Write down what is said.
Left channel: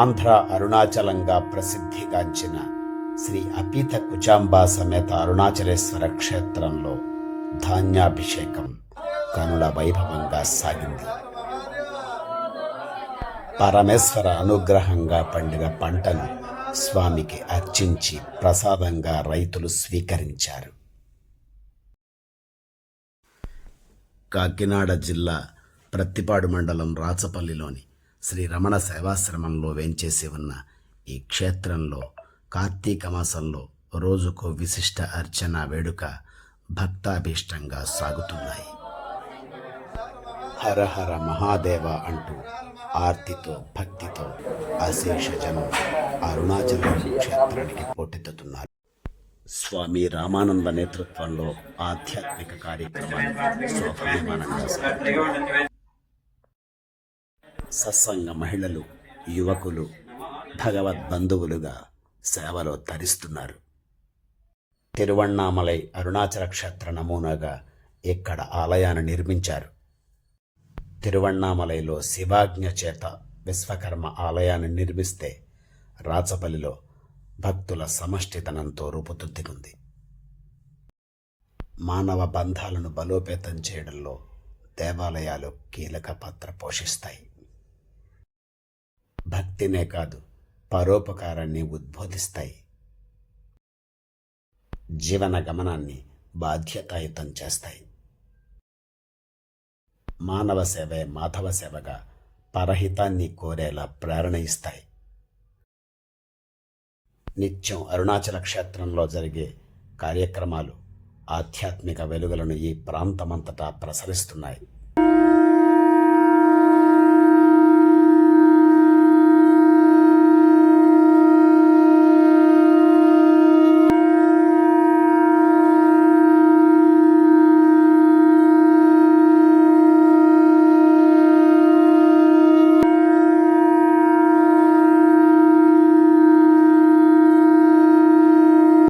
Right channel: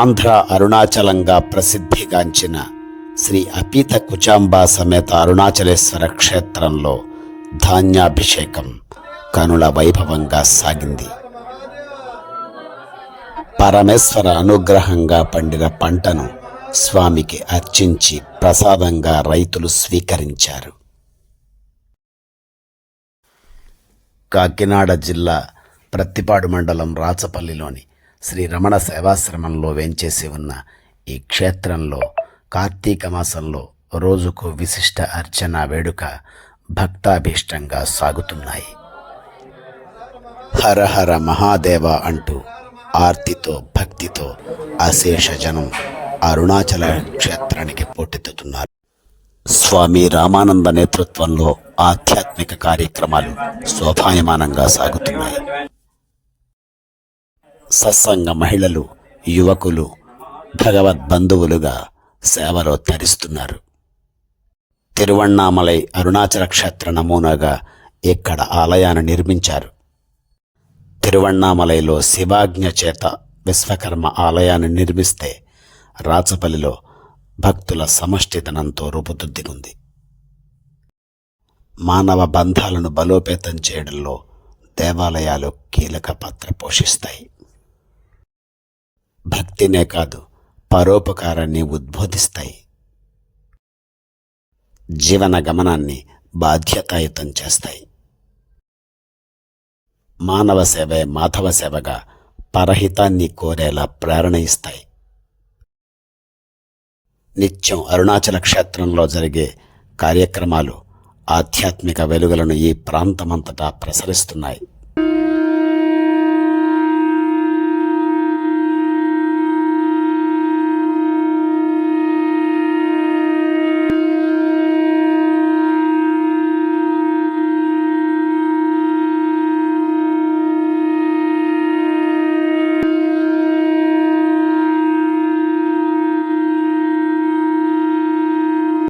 ఆంధ్ర అరుణాచలంగా ప్రసిద్ధిగాంచిన శ్రీ అపీత కుచాంబా సమేత అరుణాచలేశ్వర క్షేత్రంలో ధాన్యాభిషేకం కనుల వైభవంగా సాగింది. పరమేశ్వర అనుగ్రహంగా పండిన పంటను స్వామికి అర్చించి ప్రసాదంగా రైతులు స్వీకరించారు. కాకినాడ జిల్లా ప్రత్తిపాడు మండలం రాచపల్లిలోని శ్రీ రమణ సేవాశ్రమంలో వేంచేసి ఉన్న ఈ క్షేత్రంలో కార్తీక మాసంలో రోజుకు విశిష్ట అర్చన వేడుక భక్తాభీష్టంగా సాగుతున్నాయి. హర హర మహాదేవ అంటూ ఆర్తితో భక్తితో అశేష జనం అరుణాచల క్షేత్రానికి పోటెత్తుతున్నారు. స్వామి రామానంద నేతృత్వంలో ఆధ్యాత్మిక కార్యక్రమాలు శోభాయమానంగా సాగుతున్నాయి. సత్సంగ మహిళలు యువకులు భగవద్ బంధువులుగా సేవలో తరిస్తున్నారు. తిరువణ్ణామలై అరుణాచల క్షేత్ర నమూనాగా ఇక్కడ ఆలయాన్ని నిర్మించారు. తిరువణ్ణామలైలో శివాజ్ఞ చేత విశ్వకర్మ ఆలయాన్ని నిర్మిస్తే రాచపల్లిలో భక్తుల సమష్టితనంతో రూపుదిద్దుకుంది. మానవ బంధాలను బలోపేతం చేయడంలో దేవాలయాలు కీలక పాత్ర పోషిస్తాయి. భక్తినే కాదు పరోపకారాన్ని ఉద్బోధిస్తాయి. జీవన గమనాన్ని బాధ్యతాయుతం చేస్తాయి. మానవ సేవే మాధవ సేవగా పరహితాన్ని కోరేలా ప్రేరణ ఇస్తాయి. నిత్యం అరుణాచల క్షేత్రంలో జరిగే కార్యక్రమాలు ఆధ్యాత్మిక వెలుగులను ఈ ప్రాంతమంతటా ప్రసరిస్తున్నాయి.